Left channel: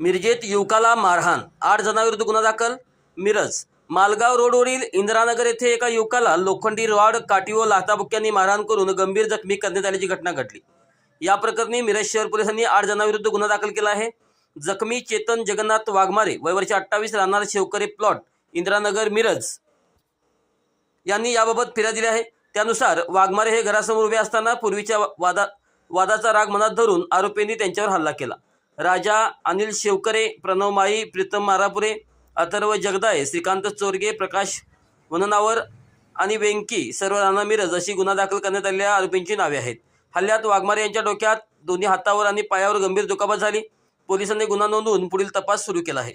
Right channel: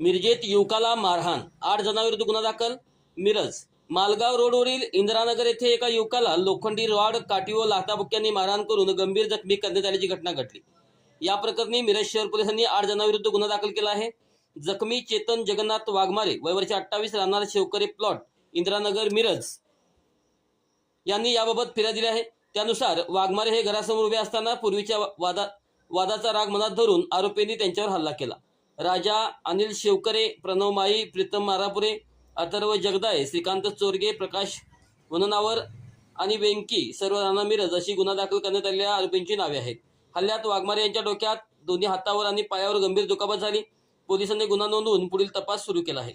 मिरजेत युवकाला मारहाण. आठ जणांविरुद्ध गुन्हा दाखल. मिरज. मालगाव रोडवरील इंद्रानगर येथे एका युवकाला लोखंडी रॉड काठी व लाथाबुक्यांनी मारहाण करून गंभीर जखमी करण्यात आल्याची घटना घडली. या प्रकरणी मिरज शहर पोलिसांनी आठ जणांविरुद्ध गुन्हा दाखल केला आहे. जखमी चेतन जगन्नाथ वाघमारे वयवर्षी अठ्ठावीस राहणार शेवकरे प्लॉट इंद्रानगर मिरज. यांनी याबाबत फिर्या दिली आहे. त्यानुसार वाघमारे हे घरासमोर उभे असताना पूर्वीच्या वादात वादाचा राग मनात धरून आरोपींनी त्यांच्यावर हल्ला केला. राजा अनिल शेवकरे प्रणव माई प्रीतम मारापुरे अथर्व जगदाळे श्रीकांत चोरगे प्रकाश वननावर आणि वेंकी सर्व राणा मिरज अशी गुन्हा दाखल करण्यात आलेल्या आरोपींची नावे आहेत. हल्ल्यात वाघमारे यांच्या डोक्यात दोन्ही हातावर आणि पायावर गंभीर दुखापत झाली. पोलिसांनी गुन्हा नोंदवून पुढील तपास सुरू केला आहे.